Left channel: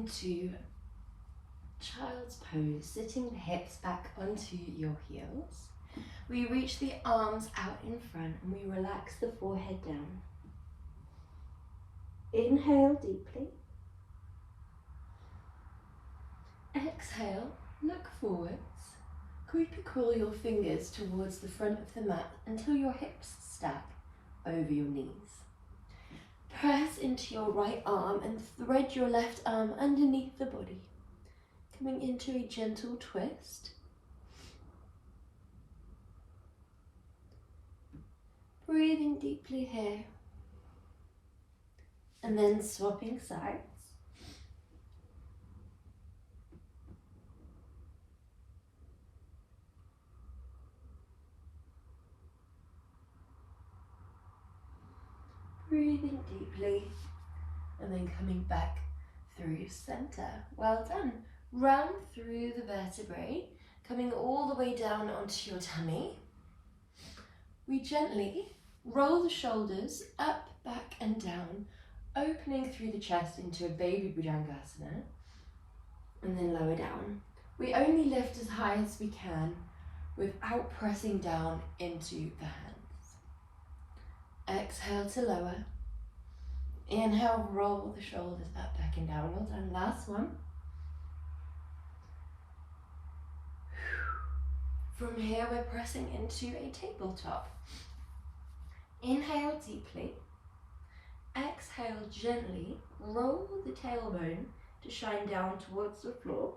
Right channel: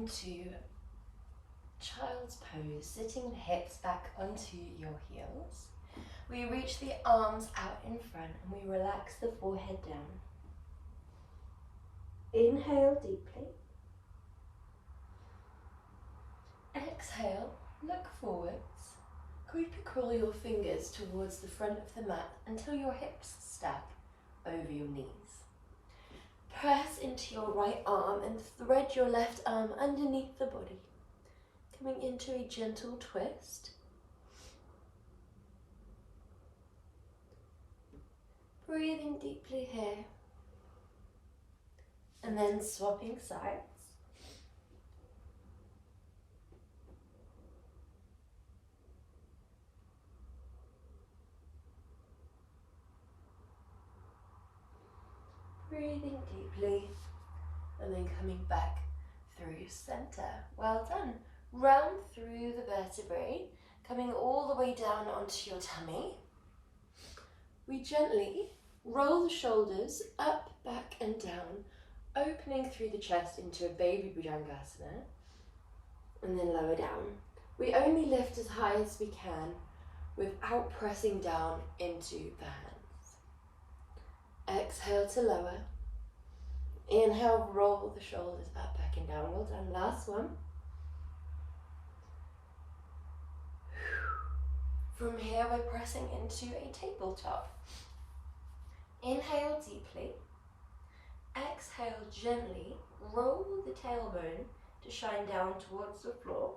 into child's pose, sitting the hips back onto your heels. We reach the arms out in front and we relax the forehead down. Inhale deeply. Exhale, look forwards. Creepy crawl your fingers towards the front of the mat until your hips stack over your knees. Press into your right arm and thread your left arm underneath the body, coming into a gentle twist. Breathing deeply here, and then swapping sides. Breathing deeply, and then coming back through center. Well done. Round through the vertebrae, coming all the way down onto your tummy. We gently roll the shoulders up, back and down, opening through the chest into a baby bhujangasana, and then lower down. We only lift as high as we can without pressing down into the hands. Exhale to lower. Inhale, roll the shoulders up, back and down. Well done. Last one. From here, we're pressing into a tabletop. Inhale deeply. Exhale gently. Roll the tailbone to shine down towards the floor.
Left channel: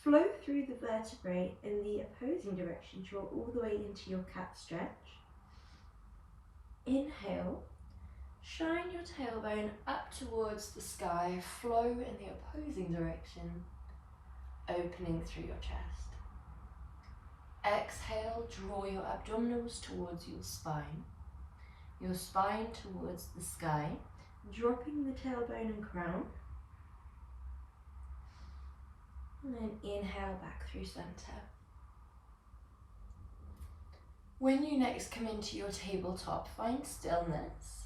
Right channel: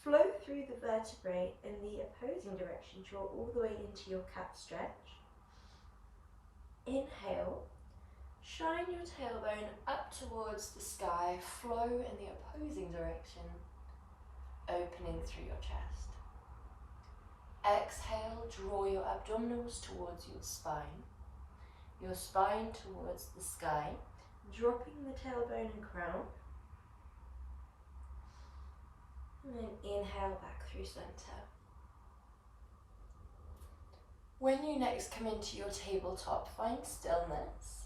Flow through the vertebrae in the opposing direction. Draw all the way into your cat stretch. Inhale. Shine your tailbone up towards the sky. Flow in the opposing direction, opening through your chest. Exhale, draw your abdominals towards your spine towards the sky, dropping the tailbone and crown. And then inhale back through center. When you next come into your tabletop, find stillness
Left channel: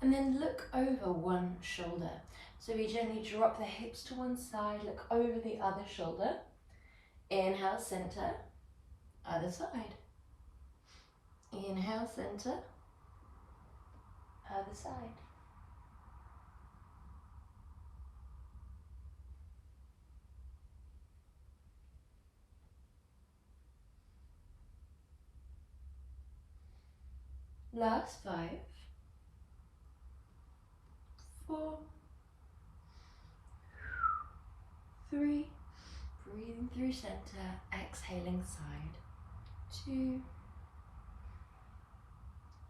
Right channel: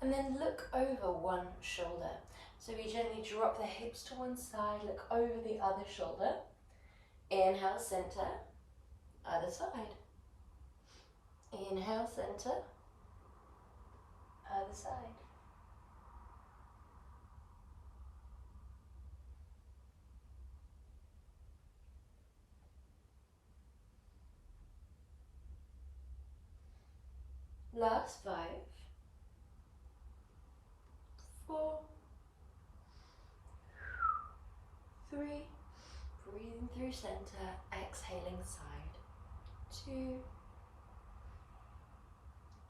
and then look over one shoulder. So we gently drop the hips to one side, look over the other shoulder. Inhale, center. Other side. Inhale, center. Other side. Last 5, 4, 3, breathing through center, exhaling side. 2,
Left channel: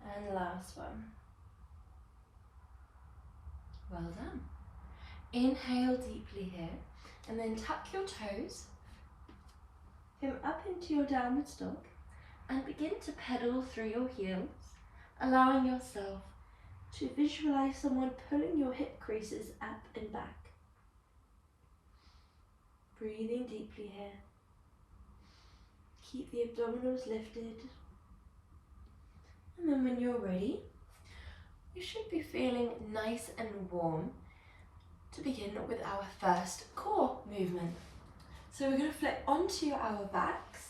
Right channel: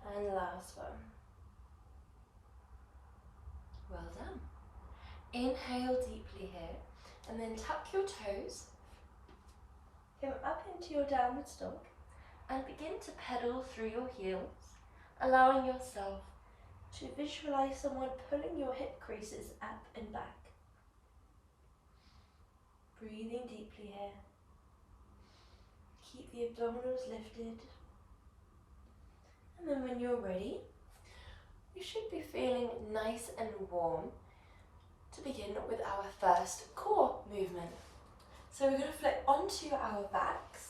and last one. Well done. Inhale deeply here, and then tuck your toes, come up into your downward dog, and begin to pedal through your heels, allowing yourself to visualize someone pulling your hip creases up and back. Breathing deeply here. Keep the abdominals lifted. And then when you're ready, you should be feeling nice and warm to begin with our first core movement. So we're going to flip onto our backs.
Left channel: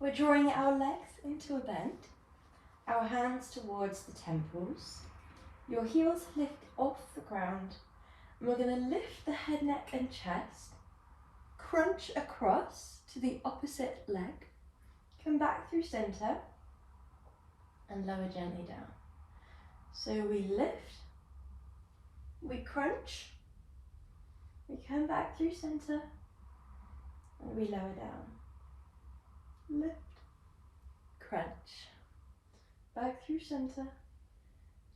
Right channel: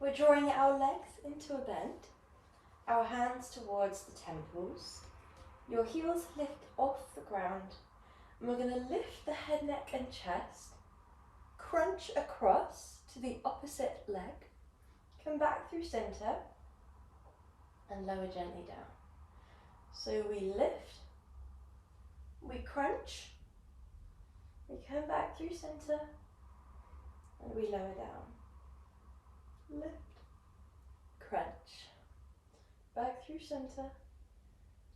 We're drawing our legs into a bend, our hands towards the temples, your heels lift off the ground, and we're going to lift the head, neck and chest, crunch across to the opposite leg, come back through center, and lower gently down. So we lift, we crunch, we come back through center, and we lower down. Lift, crunch, back through center,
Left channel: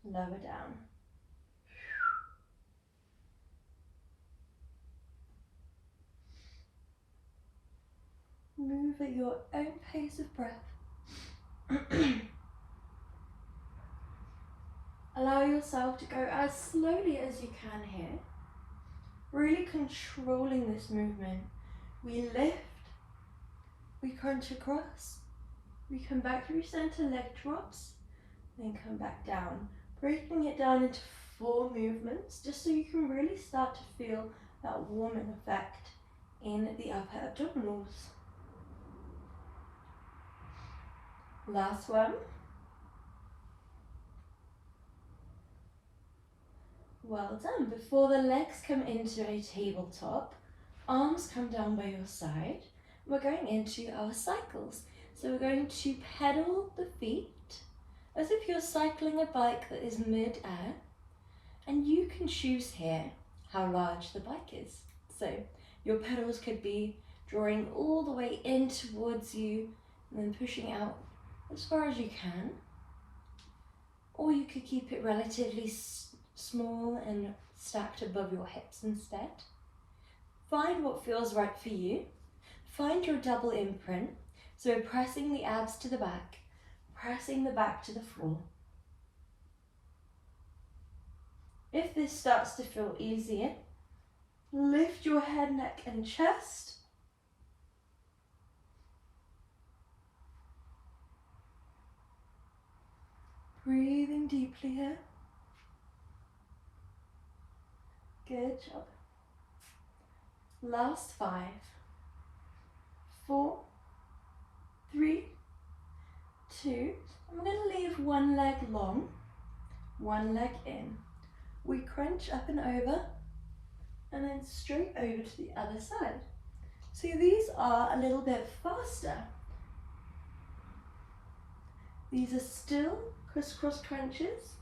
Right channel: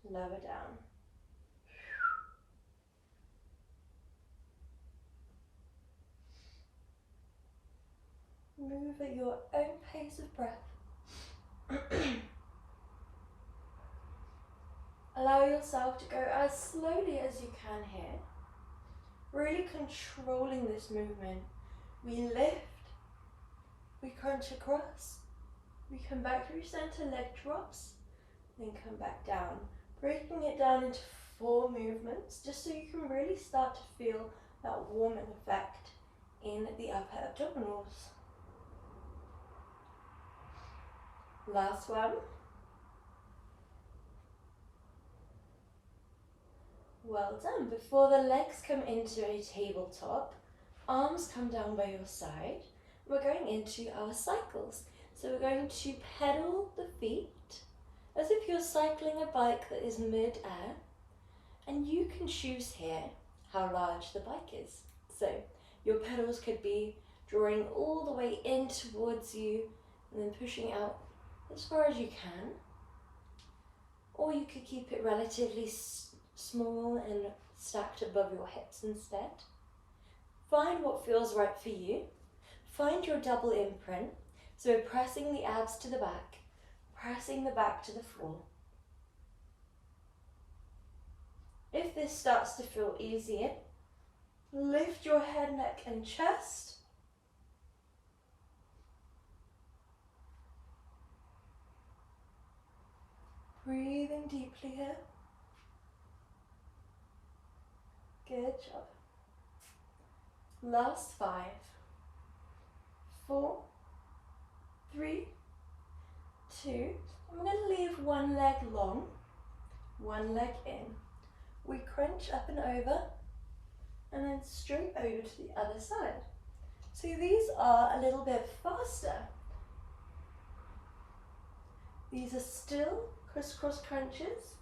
lower down. Move at your own pace of breath. Allow yourself to go as slowly as you can here, really controlling this movement. We lift, we crunch across, we come back through center, leg drops, then come back down, breaking it down into 4 movements, just so you can really start to feel that warming effect in the upper abdominals. Last one. Well done. Before the legs come into a tabletop, arms come down by your side. We're going into our cycles. So we're going to pedal the feet as if you're cycling a bike that is mid-air. And you can choose here how large the bike is. So your pedals could be drawing all the way in towards you and then pushing out as far as you can. Or you could keep it relatively small and stacked above your hips instead. Find what feels right for you. Find your double imprint. So pressing the abs to the back, pressing the back to the floor. If this starts to feel easier, lift your head, neck and chest. Breathing deeply here. Good job. Last 5, 4, 3, 2. And we're going to leave one leg long, one leg in. We crunch up and over, and then straight over to the other side. So these are a little bit faster. These are still crisscross crunches,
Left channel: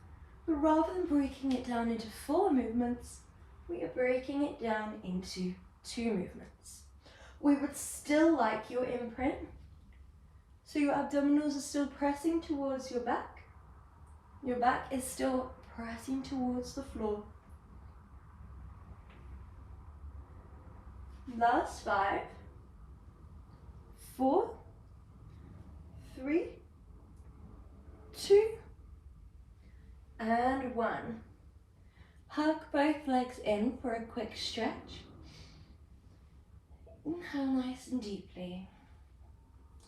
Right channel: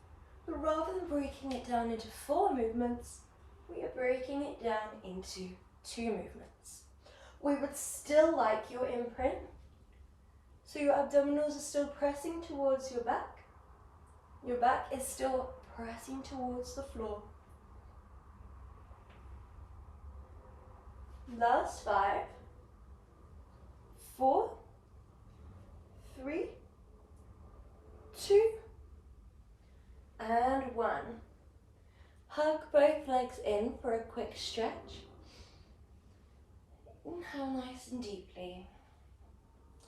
but rather than breaking it down into 4 movements, we are breaking it down into 2 movements. We would still like your imprint, so your abdominals are still pressing towards your back. Your back is still pressing towards the floor. Last 5, 4, 3, 2, and 1. Hug both legs in for a quick stretch. Inhale nice and deeply.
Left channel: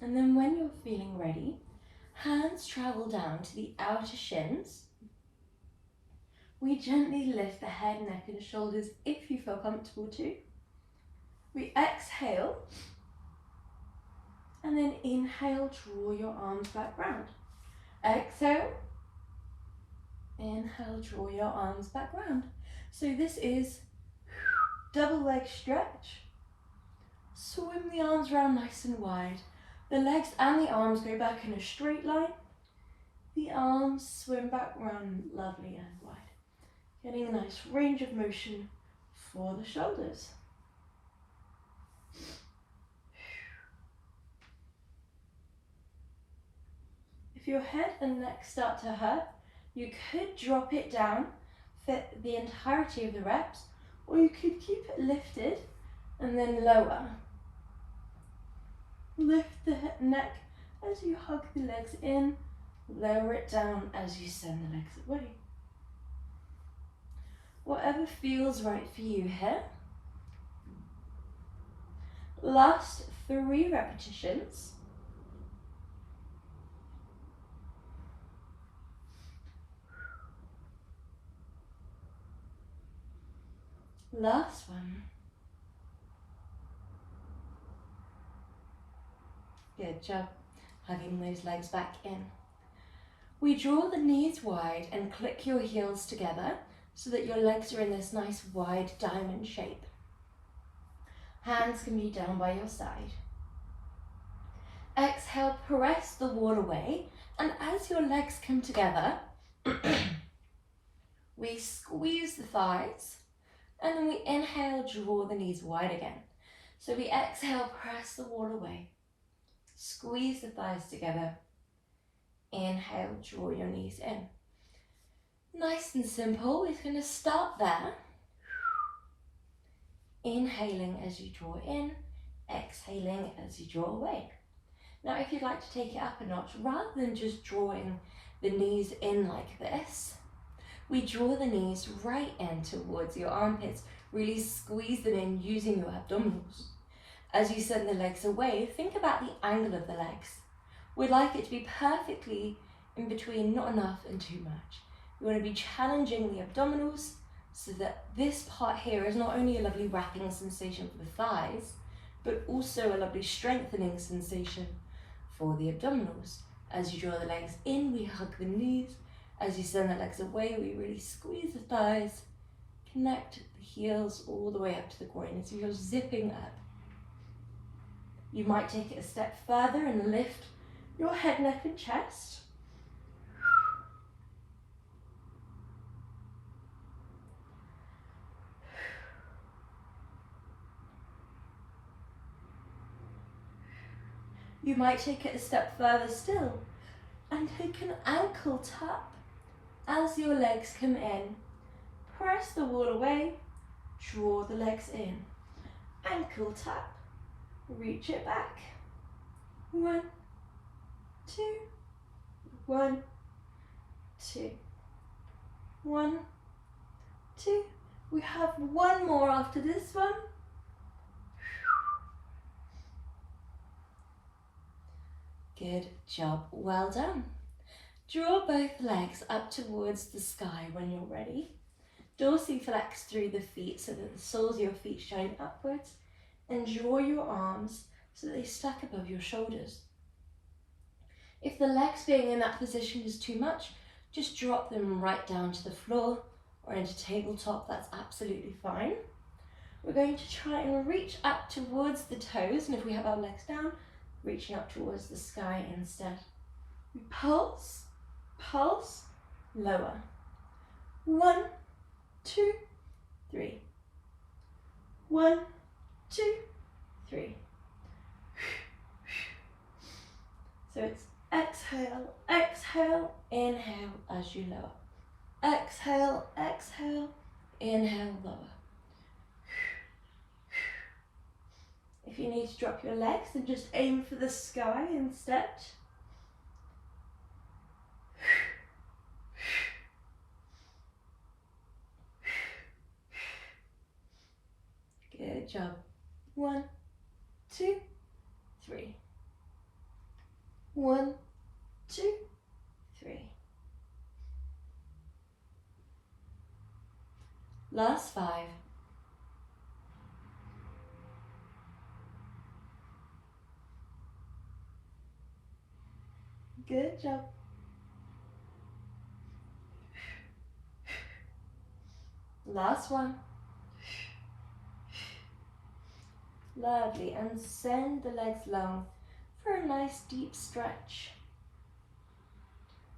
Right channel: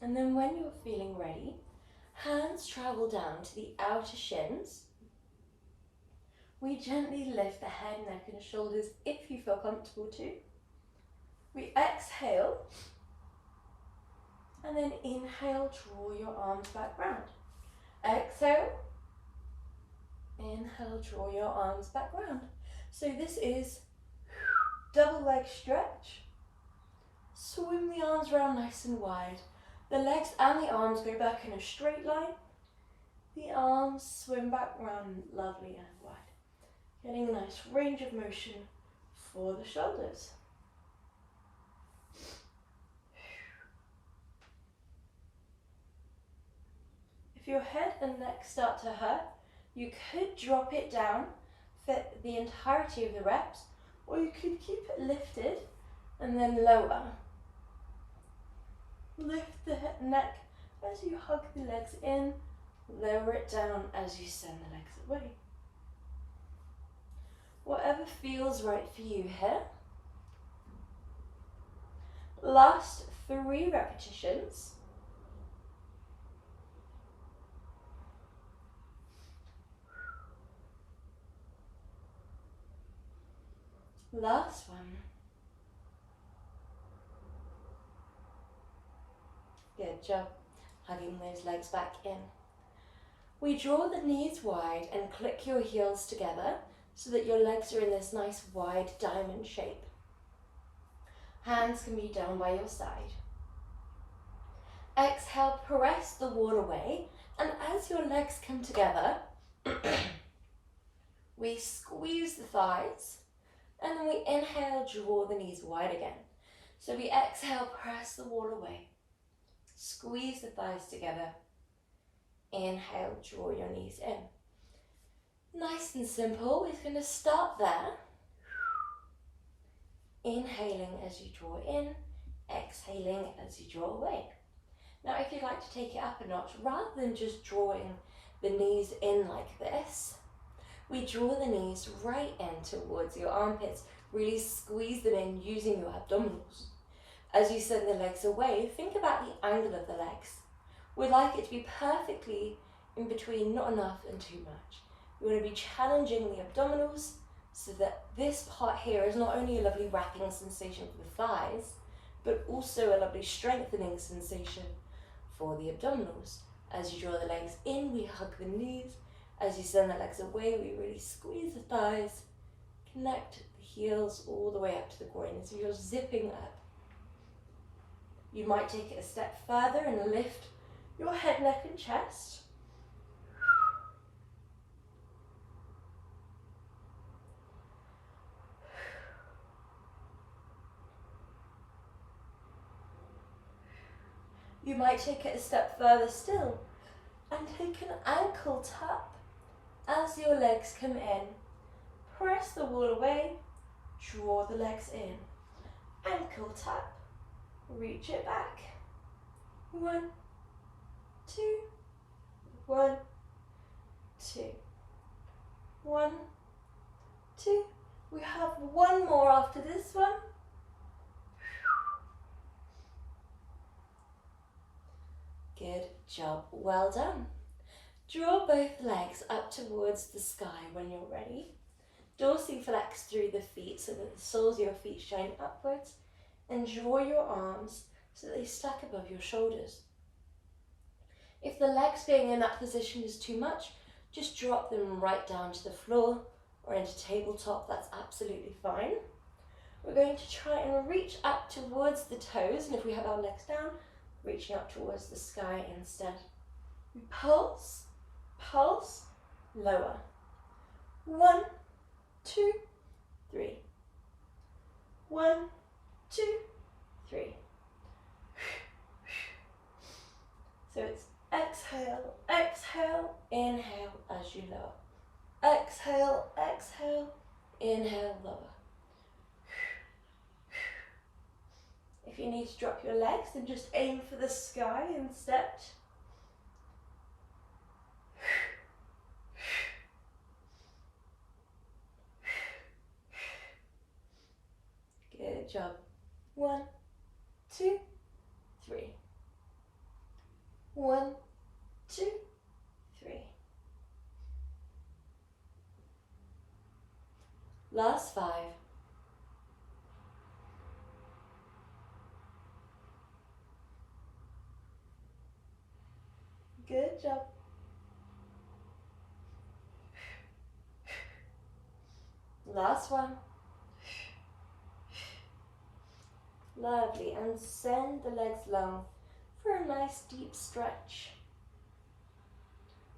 And then when you're feeling ready, hands travel down to the outer shins. We gently lift the head, neck and shoulders if you feel comfortable to. We exhale, and then inhale, draw your arms back round. Exhale, inhale, draw your arms back round. So this is double leg stretch. Swim the arms round nice and wide. The legs and the arms go back in a straight line. The arms swim back round lovely and wide. Getting a nice range of motion for the shoulders. If your head and neck start to hurt, you could drop it down for the entirety of the reps, or you could keep it lifted and then lower. Lift the neck as you hug the legs in, lower it down as you send the legs away. Whatever feels right for you here. Last 3 repetitions. Last one. Good job, hugging those legs back in. We draw the knees wide and click your heels together so that your legs are in this nice wide diamond shape. Hands can be down by your side. Exhale, press the wall away, and as your legs come together, we squeeze the thighs, and then we inhale, draw the knees wide again. So we exhale, press the wall away. Squeeze the thighs together. Inhale, draw your knees in. Nice and simple. We're going to start there. Inhaling as you draw in, exhaling as you draw away. Now if you'd like to take it up a notch, rather than just drawing the knees in like this, we draw the knees right in towards your armpits. Really squeeze them in using your abdominals. As you send the legs away, think about the angle of the legs. We'd like it to be perfectly in between, not enough and too much. You want to be challenging the abdominals so that this part here is not only a lovely wrapping sensation for the thighs, but also a lovely strengthening sensation for the abdominals. As you draw the legs in, we hug the knees. As you send the legs away, we really squeeze the thighs, connect the heels all the way up to the groin as you're zipping up. You might take it a step further and lift your head, neck and chest. You might take it a step further still and take an ankle tap as your legs come in. Press the wall away, draw the legs in. Ankle tap, reach it back. 1, 2, 1, 2, 1, 2. We have one more after this one. Good job, well done. Draw both legs up towards the sky when you're ready. Dorsiflex through the feet so that the soles of your feet shine upwards, and draw your arms so that they stack above your shoulders. If the legs being in that position is too much, just drop them right down to the floor or into tabletop, that's absolutely fine. We're going to try and reach up towards the toes, and if we have our legs down, reaching up towards the sky instead. Pulse, pulse, lower. 1, 2, 3. 1, 2, 3. So it's exhale, exhale, inhale as you lower. Exhale, exhale, inhale, lower. If you need to drop your legs, then just aim for the sky instead. Good job. 1, 2, 3. 1, 2, 3. Last 5. Good job. Last one. Lovely, and send the legs long for a nice deep stretch.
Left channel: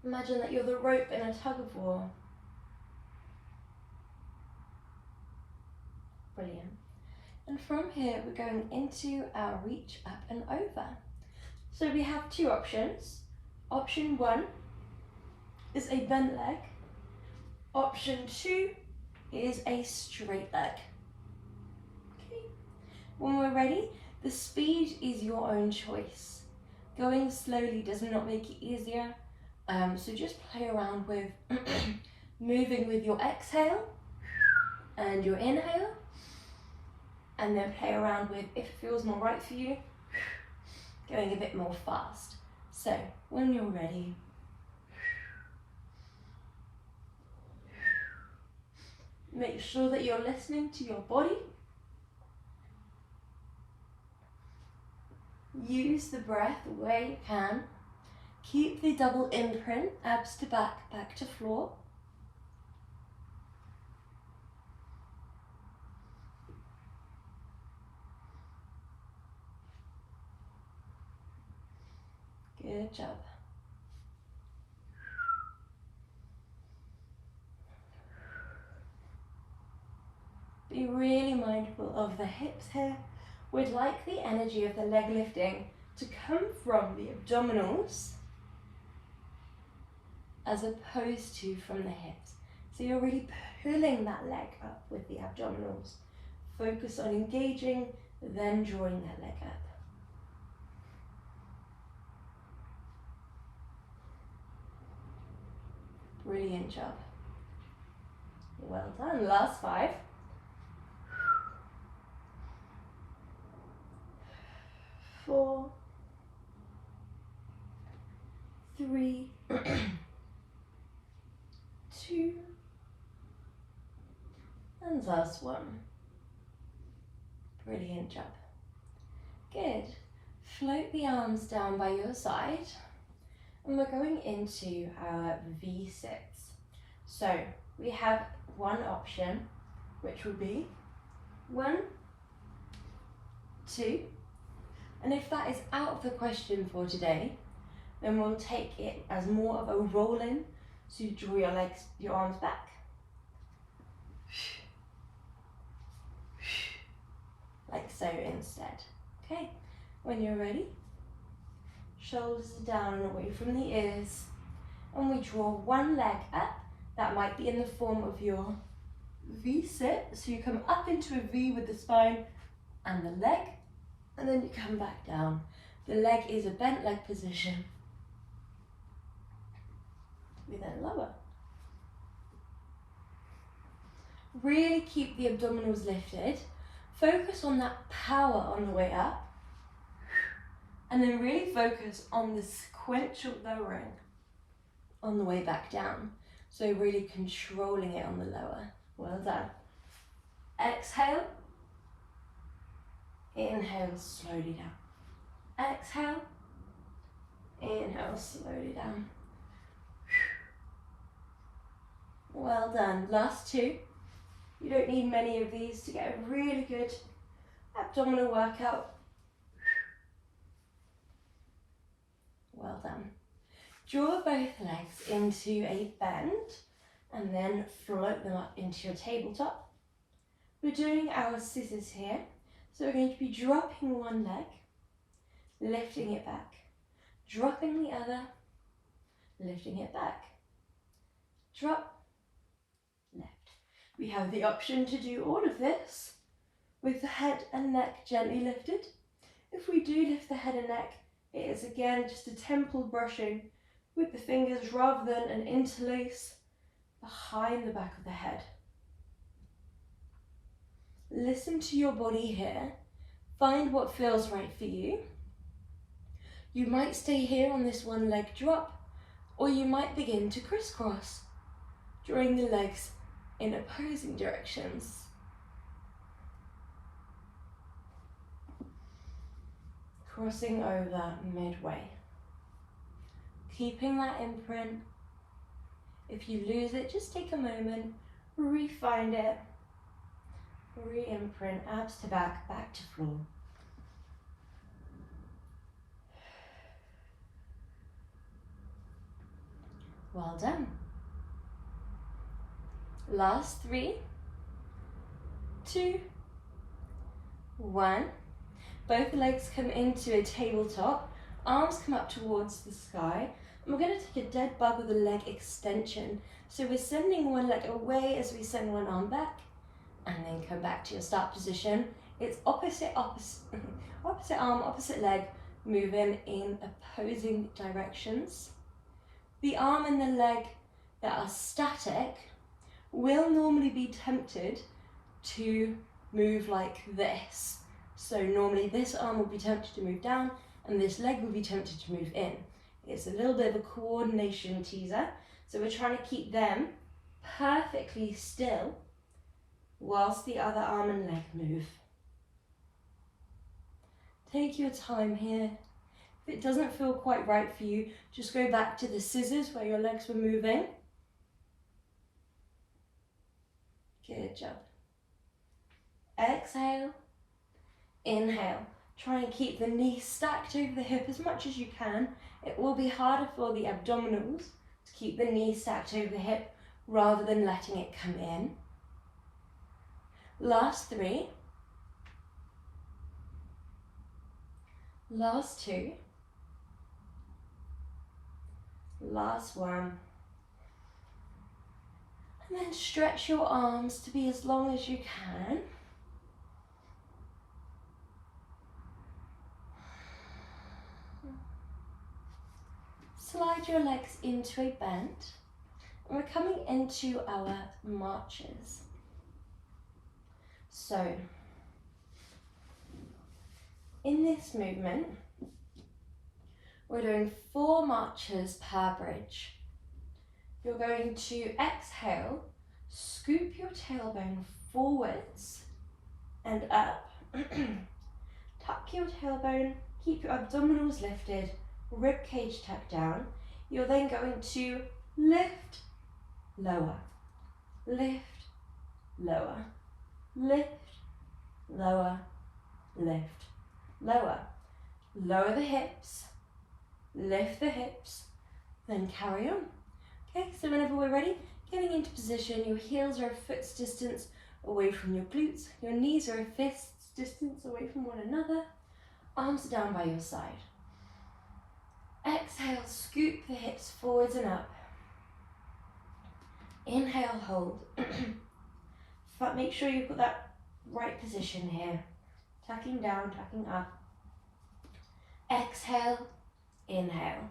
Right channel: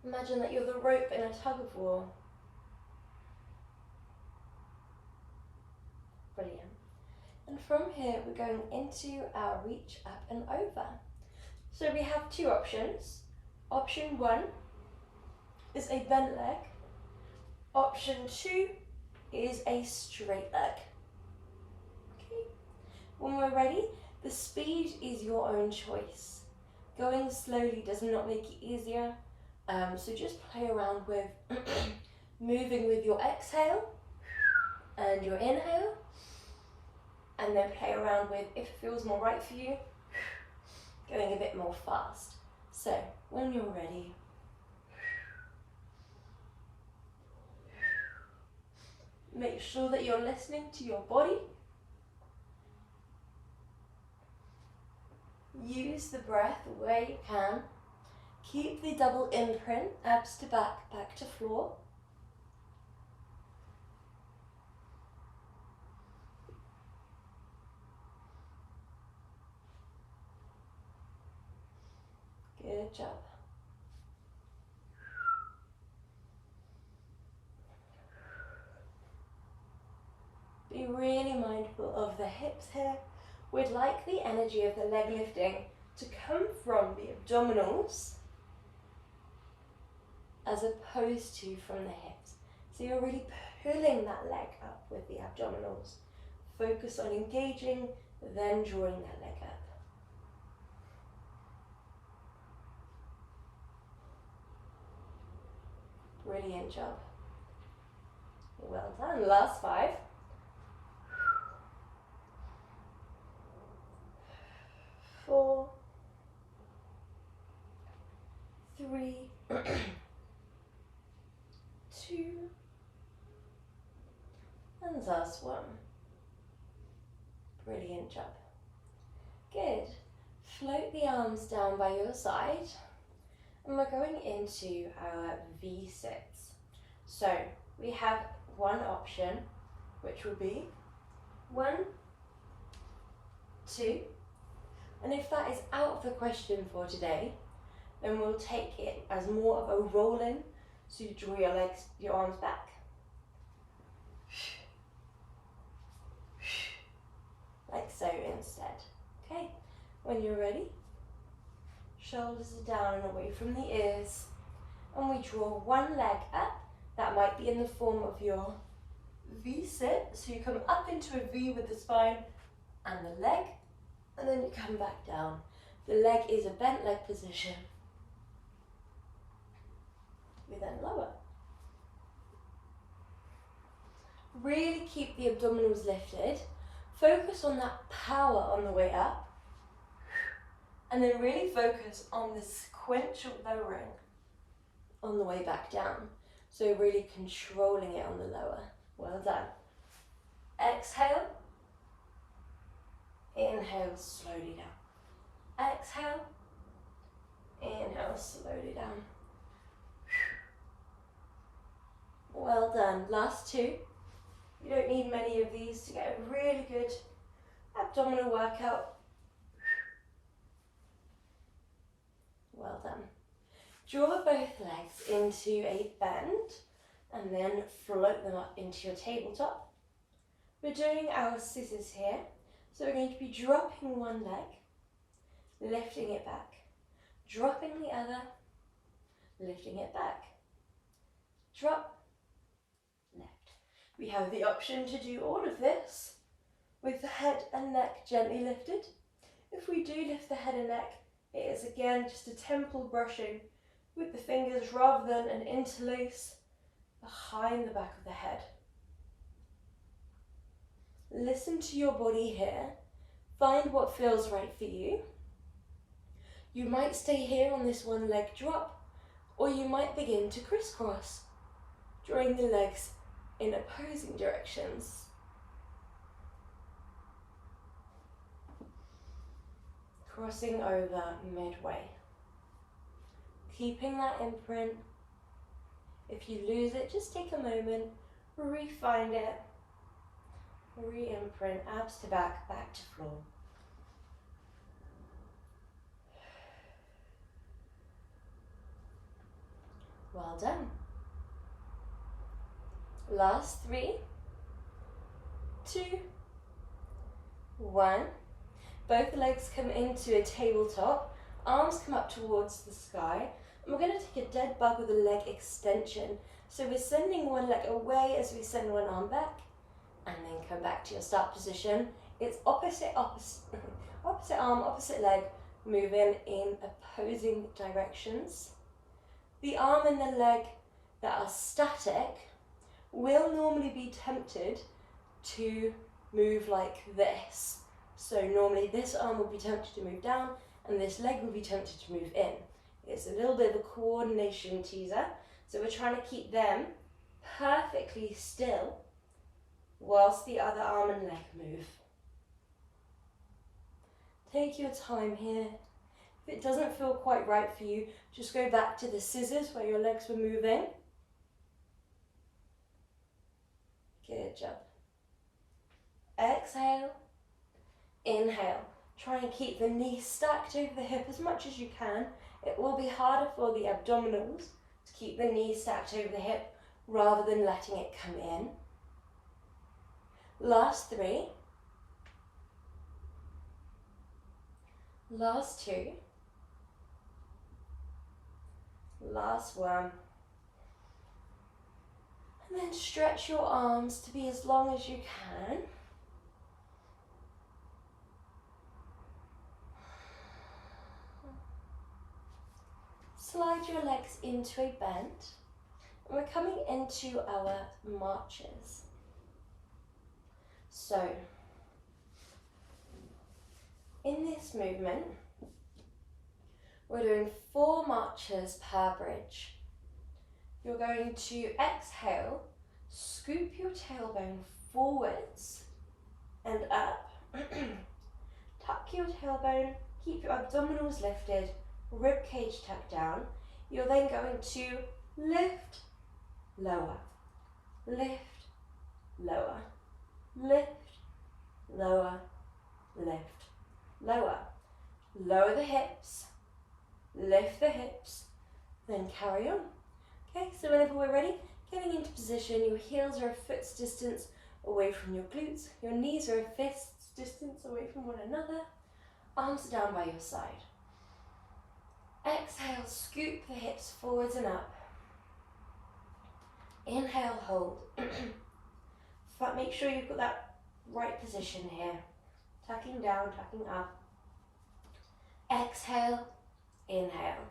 Imagine that you're the rope in a tug of war. Brilliant. And from here we're going into our reach up and over. So we have two options. Option 1 is a bent leg. Option 2 is a straight leg. Okay. When we're ready, the speed is your own choice. Going slowly does not make it easier, so just play around with moving with your exhale and your inhale, and then play around with, if it feels more right for you, going a bit more fast. So, when you're ready, make sure that you're listening to your body. Use the breath where you can. Keep the double imprint, abs to back, back to floor. Good job. Be really mindful of the hips here. We'd like the energy of the leg lifting to come from the abdominals as opposed to from the hips. So you're really pulling that leg up with the abdominals. Focus on engaging, then drawing that leg up. Brilliant job. Well done. Last 5. 4, 3, 2, last one. Brilliant job. Good. Float the arms down by your side. And we're going into our V-sits. So we have one option, which would be 1, 2. And if that is out of the question for today, then we'll take it as more of a roll-in. So you draw your legs, your arms back. Like so instead. Okay, when you're ready, shoulders are down and away from the ears. And we draw one leg up. That might be in the form of your V-sit. So you come up into a V with the spine and the leg, and then you come back down. The leg is a bent leg position. We then lower. Really keep the abdominals lifted. Focus on that power on the way up. And then really focus on the sequential lowering on the way back down. So really controlling it on the lower. Well done. Exhale. Inhale, slowly down. Exhale. Inhale, slowly down. Well done. Last two. You don't need many of these to get a really good abdominal workout. Well done. Draw both legs into a bend and then float them up into your tabletop. We're doing our scissors here. So we're going to be dropping one leg, lifting it back, dropping the other, lifting it back, drop, lift. We have the option to do all of this with the head and neck gently lifted. If we do lift the head and neck, it is again just a temple brushing with the fingers rather than an interlace behind the back of the head. Listen to your body here. Find what feels right for you. You might stay here on this one leg drop, or you might begin to crisscross, drawing the legs in opposing directions. Crossing over midway. Keeping that imprint. If you lose it, just take a moment, re-find it. Re-imprint, abs to back, back to floor. Well done. Last 3, 2, 1. Both legs come into a tabletop. Arms come up towards the sky. And we're going to take a dead bug with a leg extension. So we're sending one leg away as we send one arm back. And then come back to your start position. It's opposite arm, opposite leg, moving in opposing directions. The arm and the leg that are static will normally be tempted to move like this. So normally this arm will be tempted to move down and this leg will be tempted to move in. It's a little bit of a coordination teaser. So we're trying to keep them perfectly still whilst the other arm and leg move. Take your time here. If it doesn't feel quite right for you, just go back to the scissors where your legs were moving. Good job. Exhale. Inhale. Try and keep the knee stacked over the hip as much as you can. It will be harder for the abdominals to keep the knee stacked over the hip rather than letting it come in. Last 3. Last 2. Last 1. And then stretch your arms to be as long as you can. Slide your legs into a bend. And we're coming into our marches. So, in this movement, we're doing 4 marches per bridge. You're going to exhale, scoop your tailbone forwards and up. Tuck your tailbone, keep your abdominals lifted, rib cage tucked down. You're then going to lift, lower, lift, lower, lift, lower, lift, lower. Lower the hips, lift the hips, then carry on. Okay, so whenever we're ready, getting into position, your heels are a foot's distance away from your glutes, your knees are a fist's distance away from one another, arms are down by your side. Exhale, scoop the hips forwards and up. Inhale, hold. But make sure you've got that right position here. Tucking down, tucking up. Exhale, inhale.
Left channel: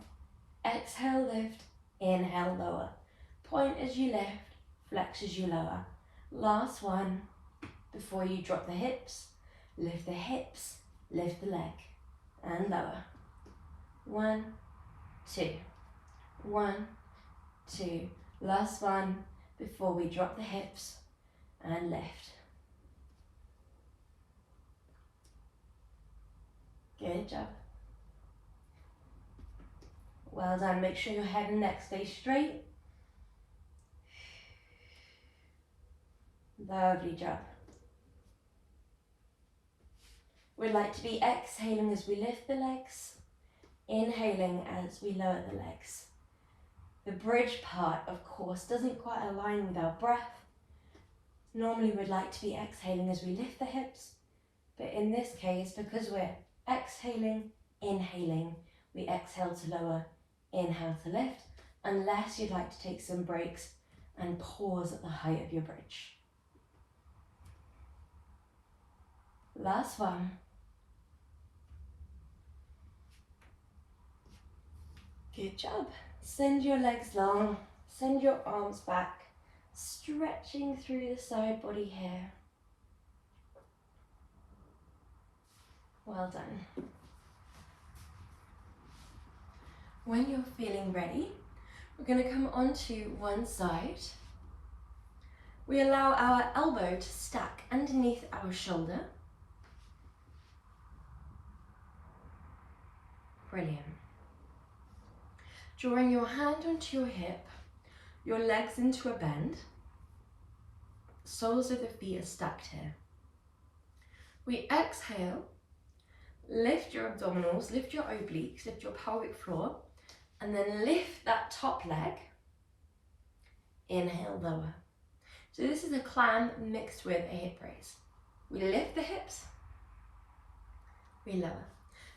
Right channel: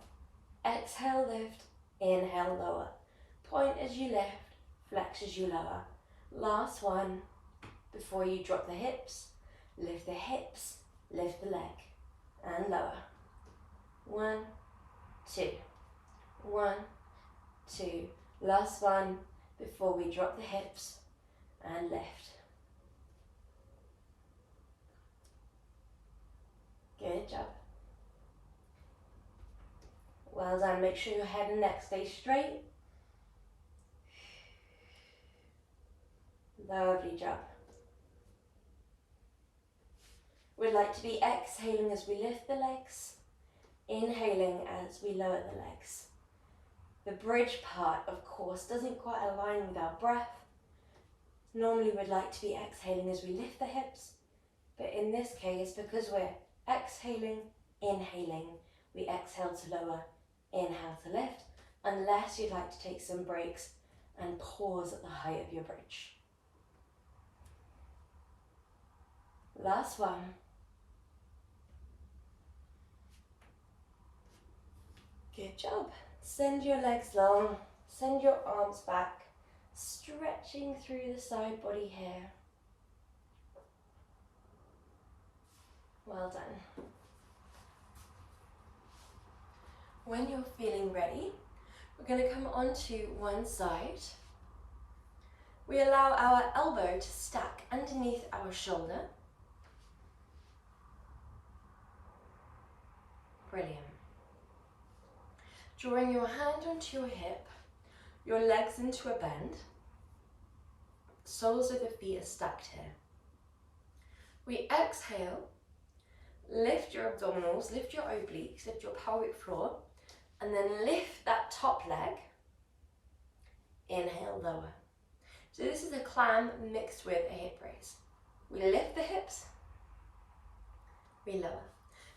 Exhale, lift. Inhale, lower. Point as you lift, flex as you lower. Last one, before you drop the hips, lift the hips, lift the leg, and lower. 1, 2, 1, 2. Last one, before we drop the hips, and lift. Good job. Well done. Make sure your head and neck stay straight. Lovely job. We'd like to be exhaling as we lift the legs, inhaling as we lower the legs. The bridge part, of course, doesn't quite align with our breath. Normally we'd like to be exhaling as we lift the hips, but in this case, because we're exhaling, inhaling, we exhale to lower, inhale to lift, unless you'd like to take some breaks and pause at the height of your bridge. Last one. Good job. Send your legs long, send your arms back, stretching through the side body here. Well done. When you're feeling ready, we're going to come onto one side. We allow our elbow to stack underneath our shoulder. Brilliant. Drawing your hand onto your hip, your legs into a bend. Soles of the feet are stacked here. We exhale, lift your abdominals, lift your obliques, lift your pelvic floor, and then lift that top leg. Inhale, lower. So this is a clam mixed with a hip raise. We lift the hips, we lower.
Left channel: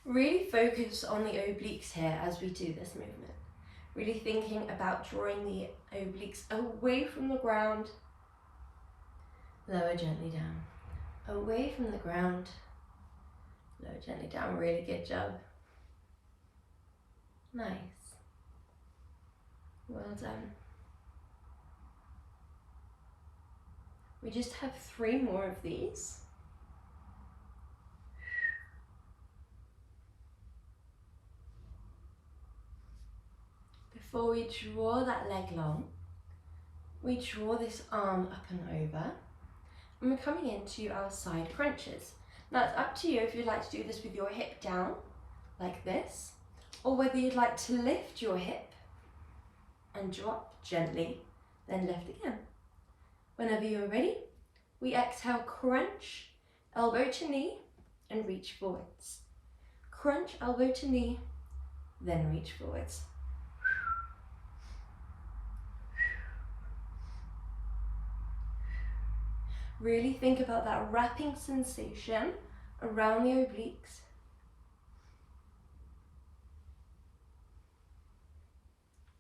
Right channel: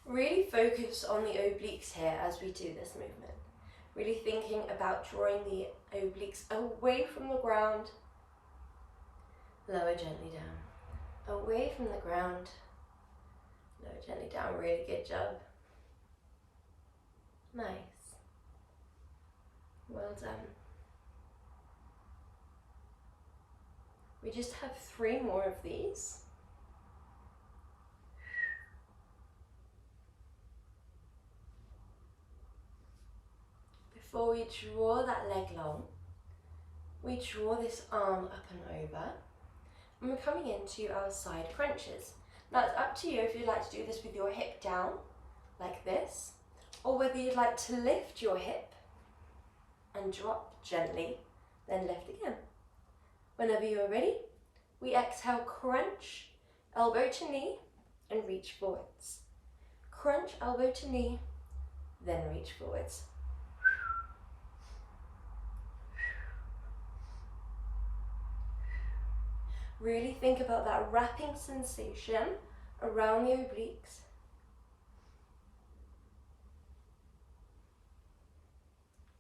Really focus on the obliques here as we do this movement. Really thinking about drawing the obliques away from the ground. Lower gently down. Away from the ground. Lower gently down. Really good job. Nice. Well done. We just have 3 more of these. Before we draw that leg long, we draw this arm up and over, and we're coming into our side crunches. Now it's up to you if you'd like to do this with your hip down, like this, or whether you'd like to lift your hip and drop gently, then lift again. Whenever you're ready, we exhale, crunch, elbow to knee, and reach forwards. Crunch, elbow to knee, then reach forwards. Really think about that wrapping sensation around the obliques.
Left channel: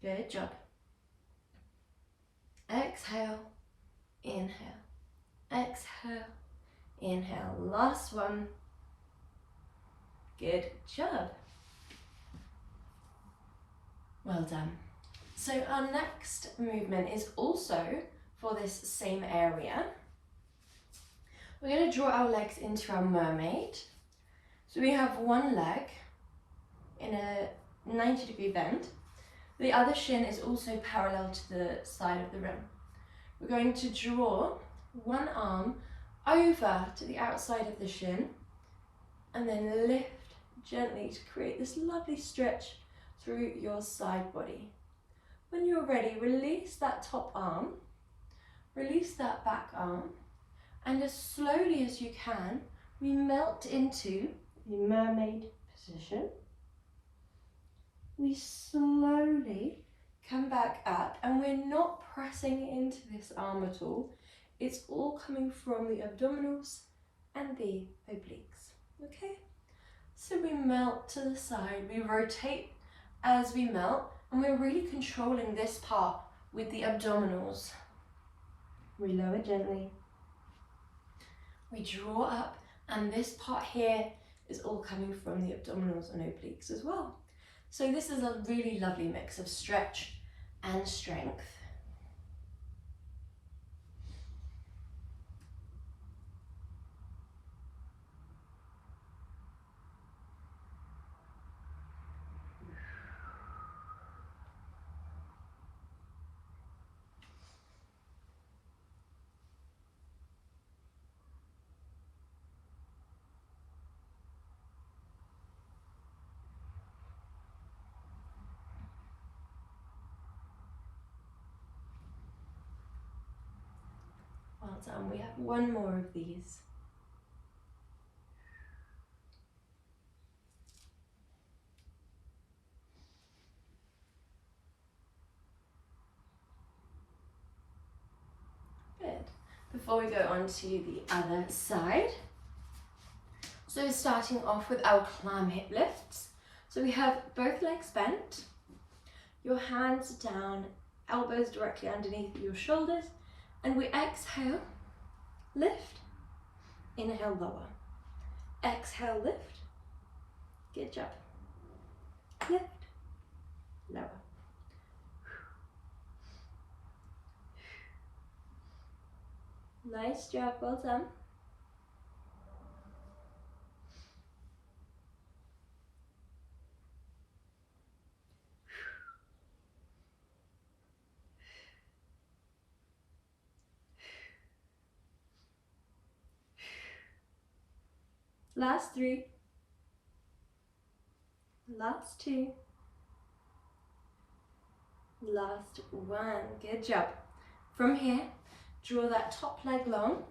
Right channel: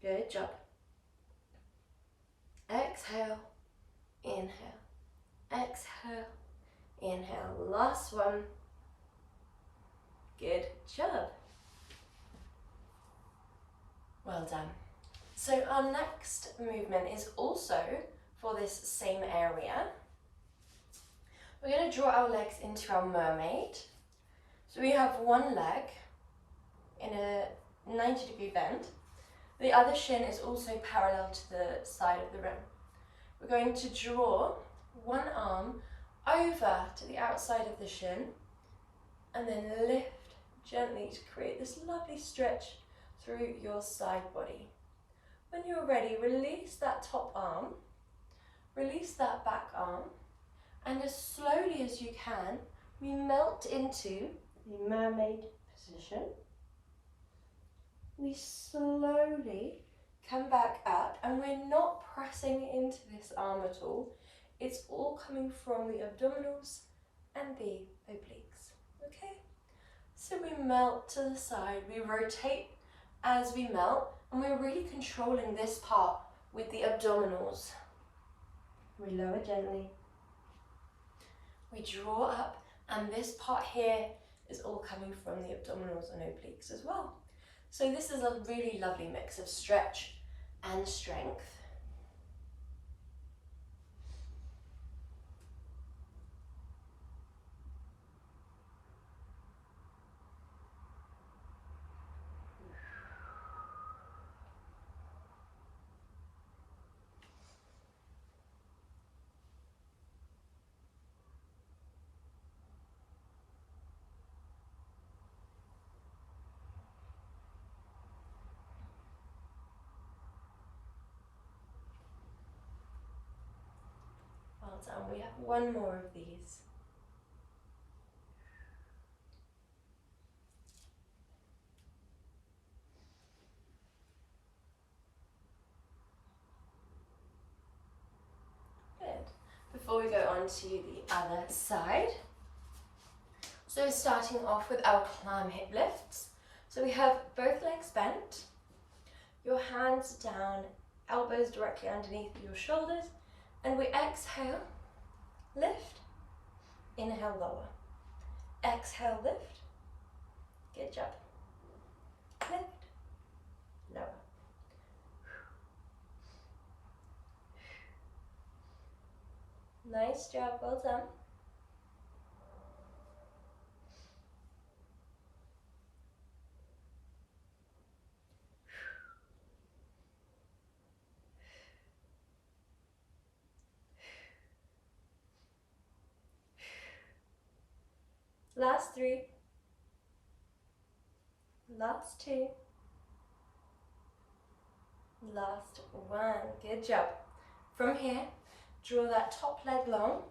Good job. Exhale, inhale, exhale, inhale. Last one. Good job. Well done. So our next movement is also for this same area. We're going to draw our legs into our mermaid. So we have one leg in a 90-degree bend. The other shin is also parallel to the side of the rim. We're going to draw one arm over to the outside of the shin, and then lift gently to create this lovely stretch through your side body. When you're ready, release that top arm, release that back arm, and as slowly as you can, we melt into the mermaid position. We slowly come back up, and we're not pressing into this arm at all. It's all coming from the abdominals and the obliques, okay? So we melt to the side, we rotate as we melt, and we're really controlling this part with the abdominals. We lower gently, we draw up, and this part here is all coming from the abdominals and obliques as well. So this is a really lovely mix of stretch and strength. Well done. We have one more of these. Good. Before we go on to the other side, so starting off with our climb hip lifts. So we have both legs bent, your hands down, elbows directly underneath your shoulders, and we exhale, lift, inhale, lower. Exhale, lift, good job. Lift, lower. Nice job, well done. Last 3, last 2, last 1, good job. From here, draw that top leg long,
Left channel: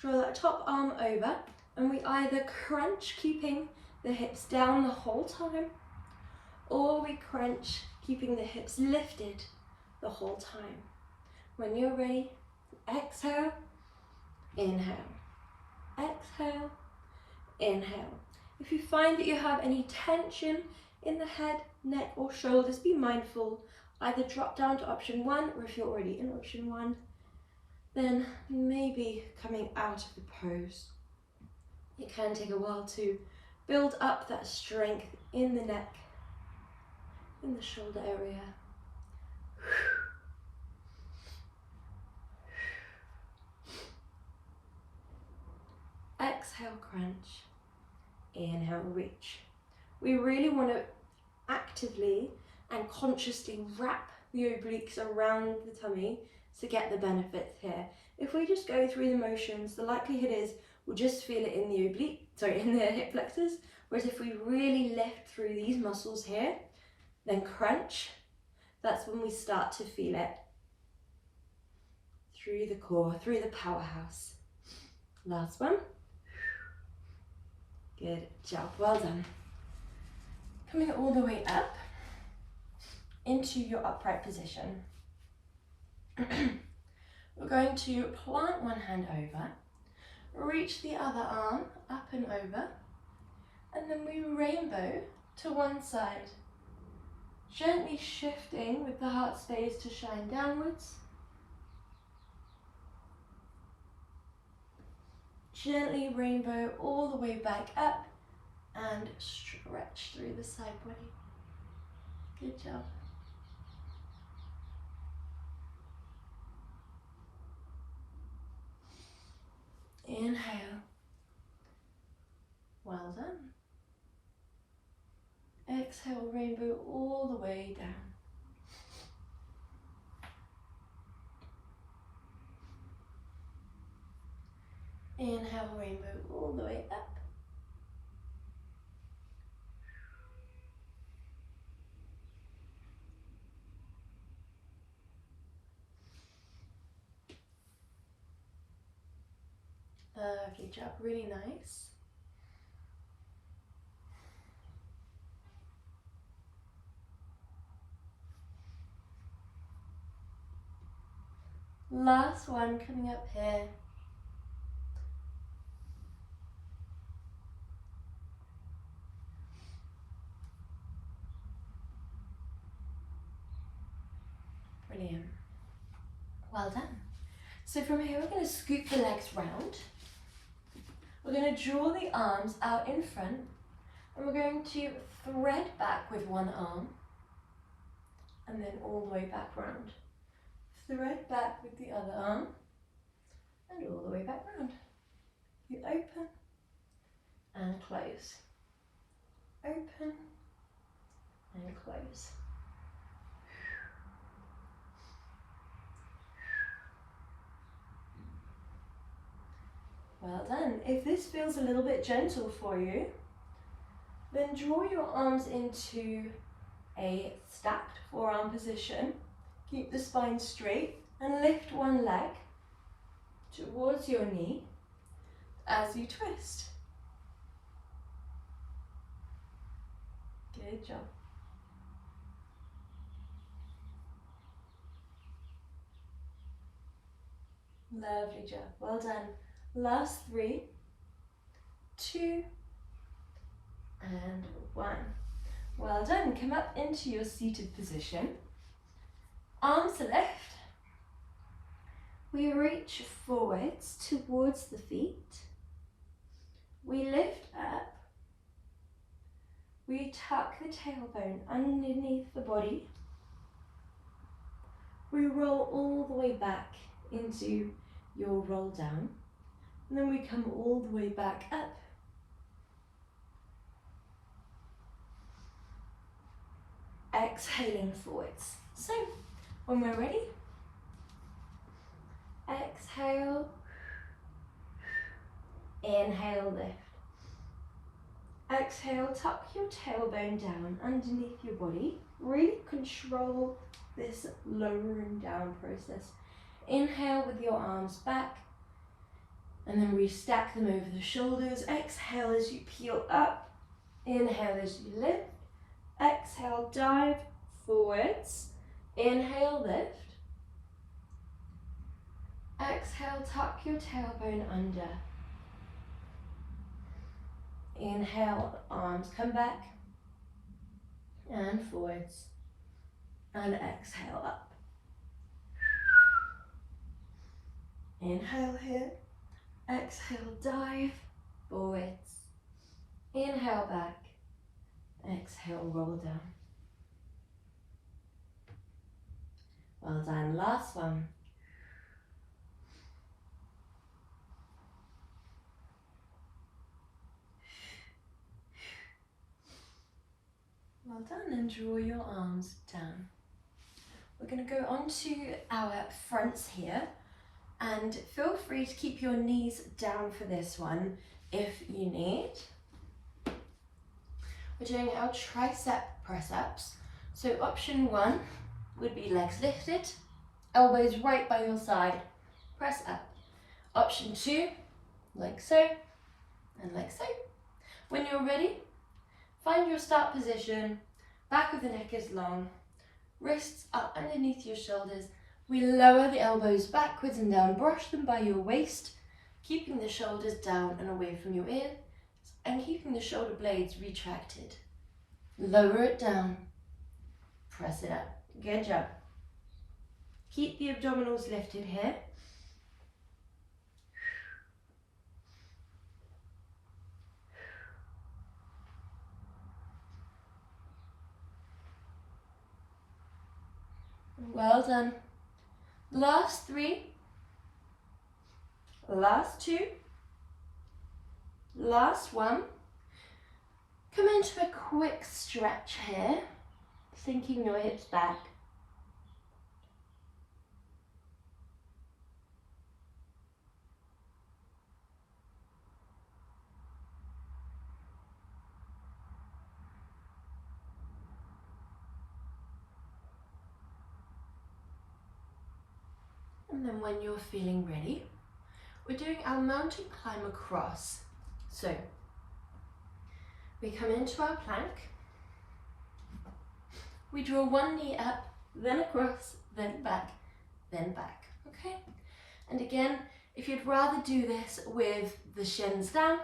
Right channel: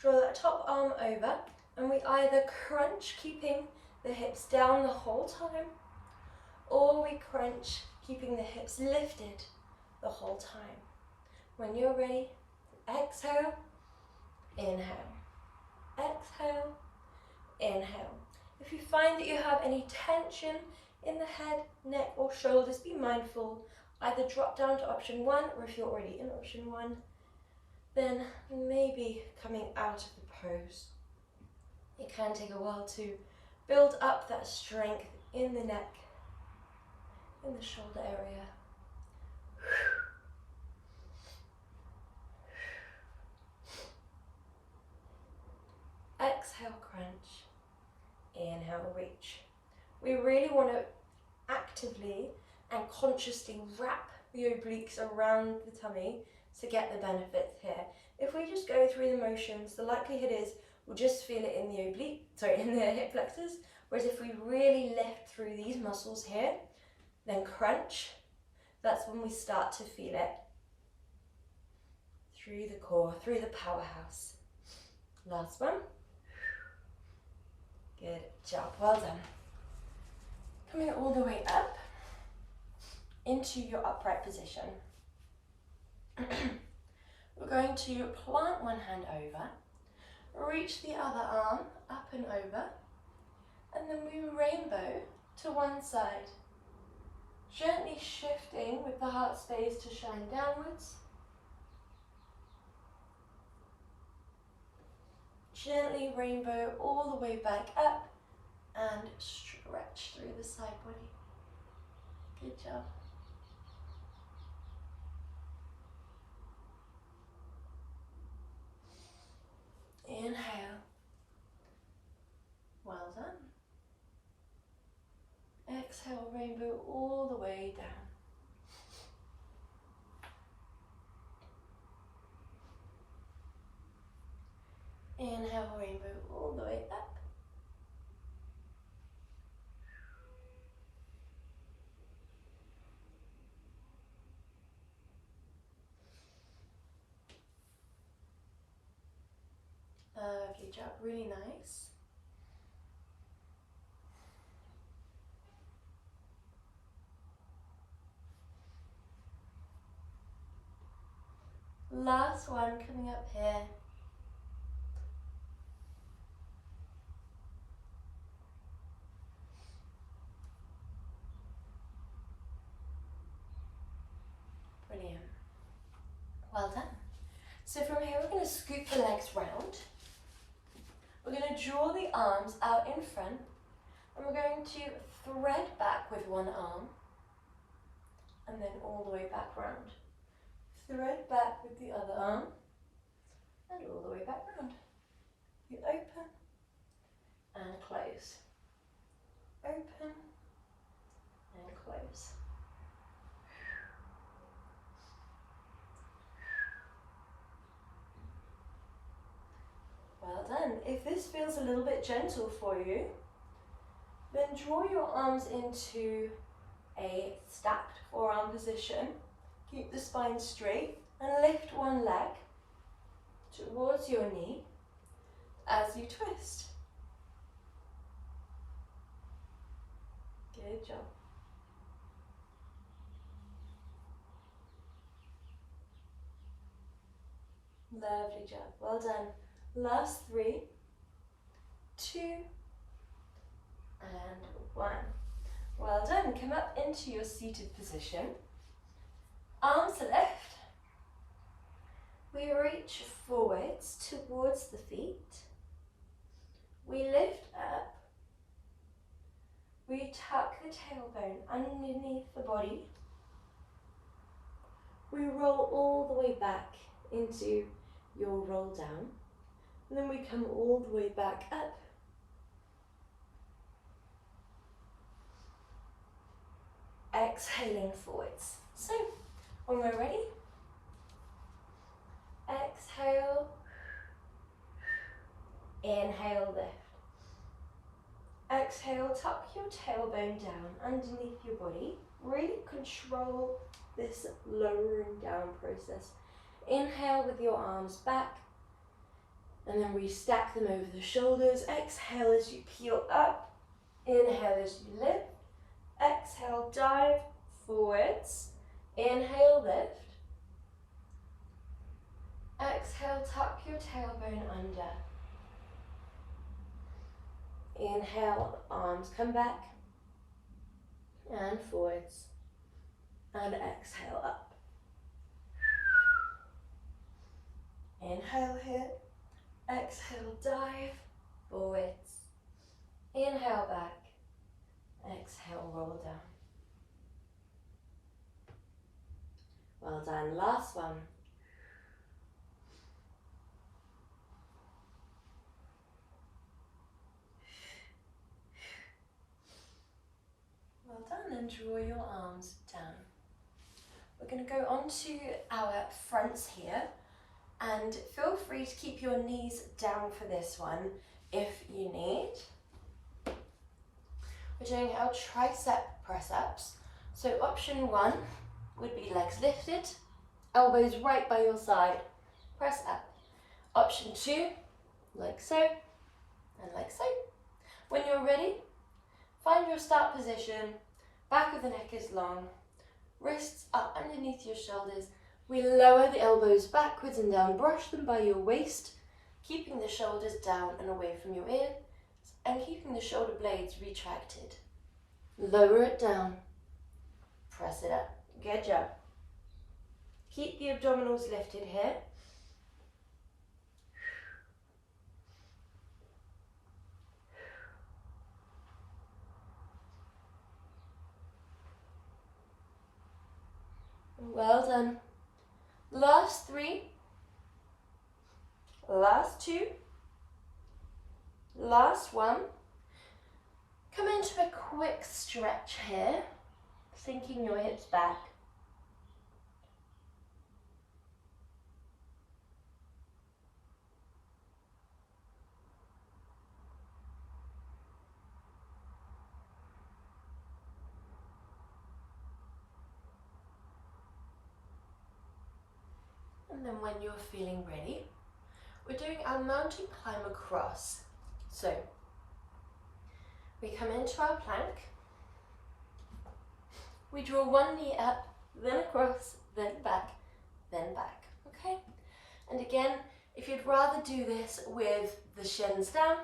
draw that top arm over, and we either crunch, keeping the hips down the whole time, or we crunch, keeping the hips lifted the whole time. When you're ready, exhale, inhale, exhale, inhale. If you find that you have any tension in the head, neck or shoulders, be mindful. Either drop down to option 1, or if you're already in option 1, then maybe coming out of the pose. It can take a while to build up that strength in the neck, in the shoulder area. Exhale, crunch. Inhale, reach. We really want to actively and consciously wrap the obliques around the tummy to get the benefits here. If we just go through the motions, the likelihood is we'll just feel it in the in the hip flexors. Whereas if we really lift through these muscles here, then crunch, that's when we start to feel it through the core, through the powerhouse. Last one. Good job, well done. Coming all the way up into your upright position. We're going to plant one hand over, reach the other arm up and over, and then we rainbow to one side. Gently shifting with the heart space to shine downwards. Gently rainbow all the way back up and stretch through the side body. Good job. Inhale. Well done. Exhale, rainbow all the way down. Inhale, rainbow all the way up. Good job, really nice. Last one coming up here. Brilliant. Well done. So from here we're going to scoop the legs round. We're going to draw the arms out in front and we're going to thread back with one arm and then all the way back round. Thread back with the other arm and all the way back round. You open and close. Open and close. Well done. If this feels a little bit gentle for you, then draw your arms into a stacked forearm position. Keep the spine straight and lift one leg towards your knee as you twist. Good job. Lovely job. Well done. Last 3, 2, and 1. Well done. Come up into your seated position. Arms lift. We reach forwards towards the feet. We lift up. We tuck the tailbone underneath the body. We roll all the way back into your roll down. And then we come all the way back up. Exhaling forwards. So, when we're ready, exhale, inhale, lift. Exhale, tuck your tailbone down underneath your body. Really control this lowering down process. Inhale with your arms back. And then we stack them over the shoulders. Exhale as you peel up. Inhale as you lift. Exhale, dive forwards. Inhale, lift. Exhale, tuck your tailbone under. Inhale, arms come back. And forwards. And exhale up. Inhale here. Exhale, dive forwards. Inhale back. Exhale, roll down. Well done. Last one. Well done, and draw your arms down. We're going to go on to our fronts here. And feel free to keep your knees down for this one if you need. We're doing our tricep press-ups. So option 1 would be legs lifted, elbows right by your side, press up. Option 2, like so, and like so. When you're ready, find your start position, back of the neck is long, wrists up underneath your shoulders. We lower the elbows backwards and down, brush them by your waist, keeping the shoulders down and away from your ears, and keeping the shoulder blades retracted. Lower it down, press it up. Good job. Keep the abdominals lifted here. Well done. Last 3, last 2, last 1. Come into a quick stretch here, sinking your hips back. And then when you're feeling ready, we're doing our mountain climb across. So we come into our plank, we draw one knee up, then across, then back, okay? And again, if you'd rather do this with the shins down,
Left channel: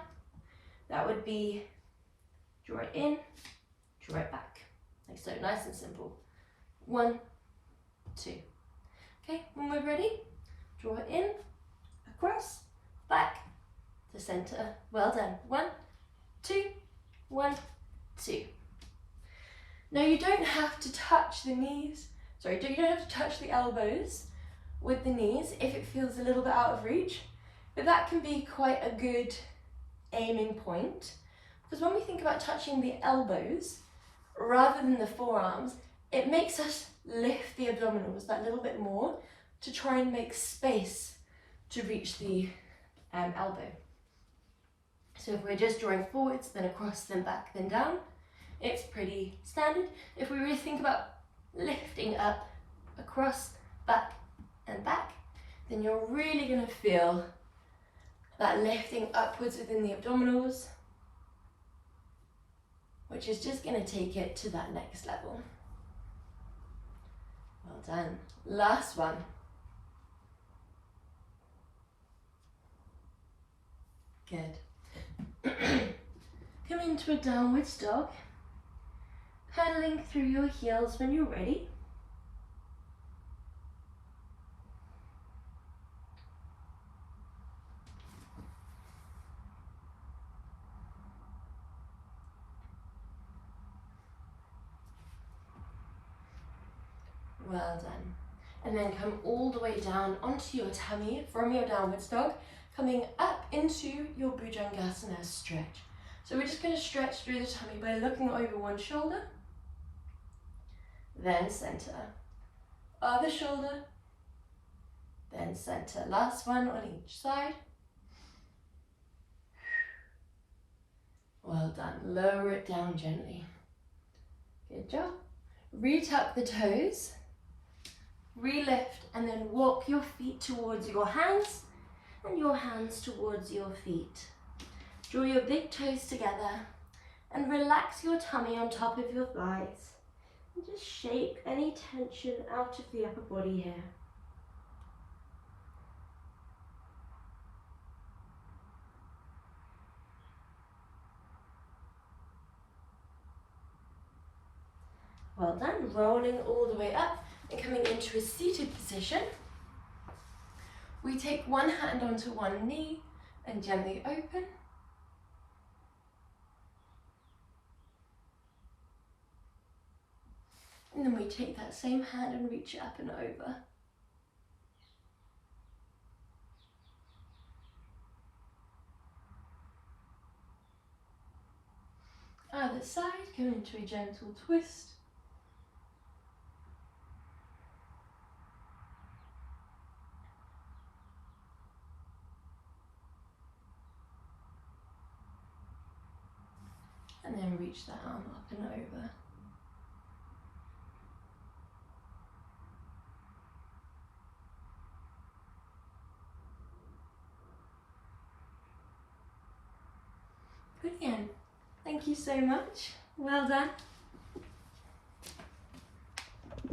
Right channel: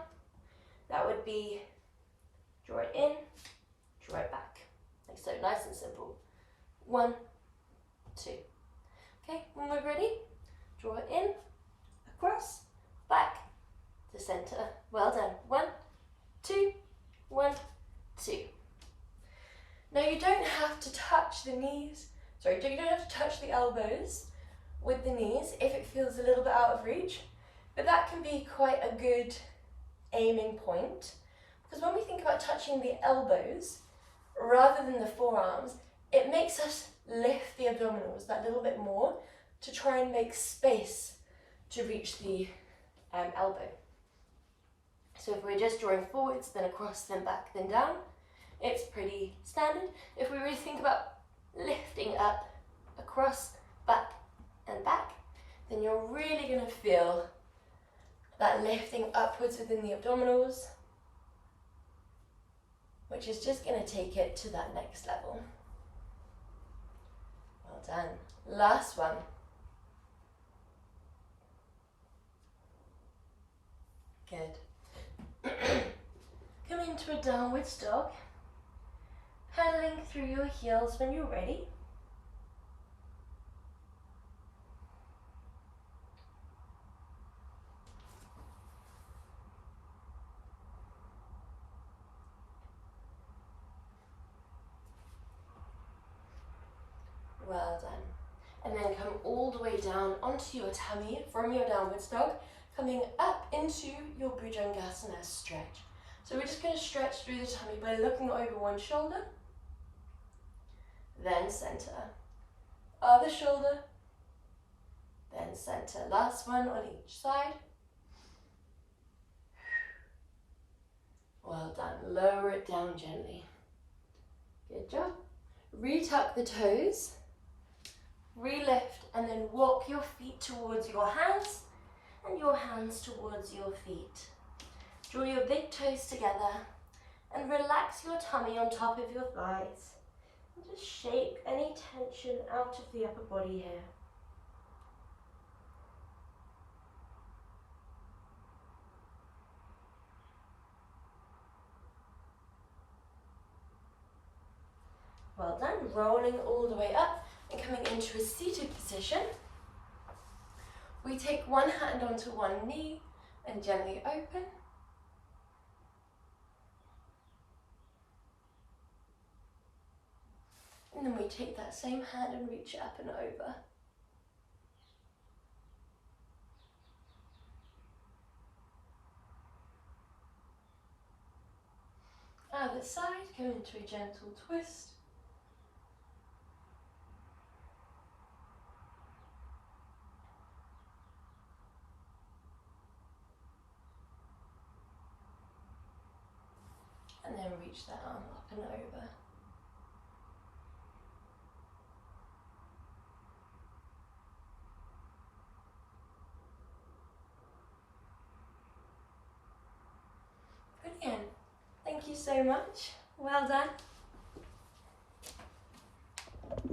that would be draw it in, draw it back. Like so, nice and simple. 1, 2. Okay, when we're ready, draw it in, across, back, to center. Well done. 1, 2, 1, 2. Now you don't have to touch the knees, you don't have to touch the elbows with the knees if it feels a little bit out of reach, but that can be quite a good aiming point, because when we think about touching the elbows rather than the forearms, it makes us lift the abdominals that little bit more to try and make space to reach the elbow. So if we're just drawing forwards, then across, then back, then down, it's pretty standard. If we really think about lifting up, across, back, and back, then you're really going to feel that lifting upwards within the abdominals, which is just going to take it to that next level. Well done. Last one. Good. Come into a downwards dog, pedaling through your heels when you're ready. Well done. And then come all the way down onto your tummy from your downwards dog, coming up into your Bhujangasana stretch. So we're just going to stretch through the tummy by looking over one shoulder, then center, other shoulder, then center. Last one on each side. Well done. Lower it down gently. Good job. Retuck the toes, relift, and then walk your feet towards your hands and your hands towards your feet. Draw your big toes together and relax your tummy on top of your thighs. And just shake any tension out of the upper body here. Well done. Rolling all the way up and coming into a seated position. We take one hand onto one knee and gently open. And then we take that same hand and reach it up and over. Other side, come into a gentle twist. And then reach that arm up and over. Brilliant. Thank you so much. Well done.